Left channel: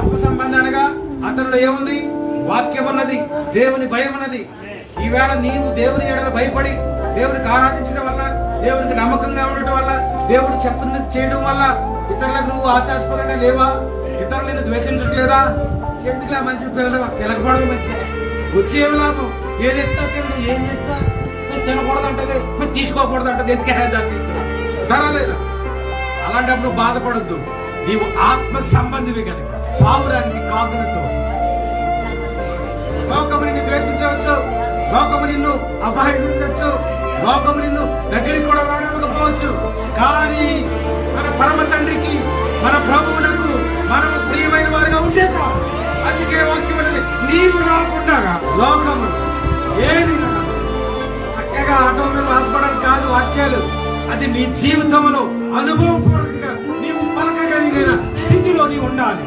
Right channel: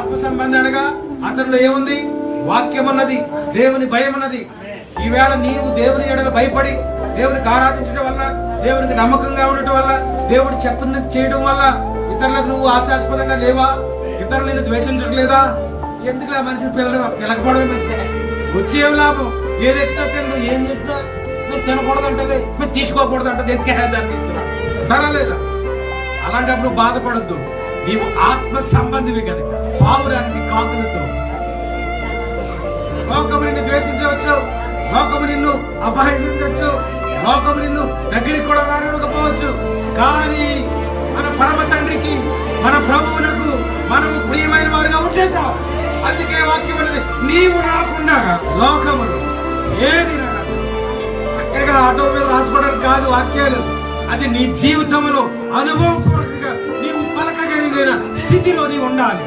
ఆత్మ సంబంధి అనగా అతనిలో ఏముంది? వాక్యం ఉన్నది, దేవుని భయం ఉన్నది. ఈవేళ నీవు దేవుని ఎడల భయపడి దేవునికి ఆరాధించడం వల్ల, దేవునికి నమ్మకంగా ఉండటం వల్ల, దేవుడు చెప్పున్నది చేయడం వల్ల ఇతరులకు నువ్వు ఆశాస్పదంగా లేవా? ఇతరులు నేను ద్వేషించట్లేదా? ఎందుకు ఆ మనిషి పిల్లలు వెనకబడడం వచ్చే లాభం? ఏది ఎత్తా నువ్వు ఏం చెప్తా నువ్వు తినకూడదు అంటది, నువ్వు తీసుకోకూడదు అంటది. ఎందుకు తీసుకురా? అలాంటప్పుడు బాధపడద్దు. నీవు ఆత్మ సంబంధివి కనుక పావురానికి కాకులతో లోకము నిన్ను ద్వేషించవచ్చు, లోకము నిన్ను అపహరించవచ్చు, లోకము నిన్ను దగ్గరికి కూడా రాకపోవచ్చు. కానీ మన పరమ తండ్రికి, మన ప్రభువునకు మనకు ప్రియమైన వారిగా ఉంటే చాలు. అందుకే వాక్యం అనేది నీవు రాకుండా లోకము ఏది రాదు. చక్కగా ఆటో మీద రాసుకోవడానికి కాదు వాక్యాలు, అది నీ జీవితంలో అనుభవపూర్వకంగా నీవు పలకగలిగిన స్థితిలో నీవు ఉండాలి.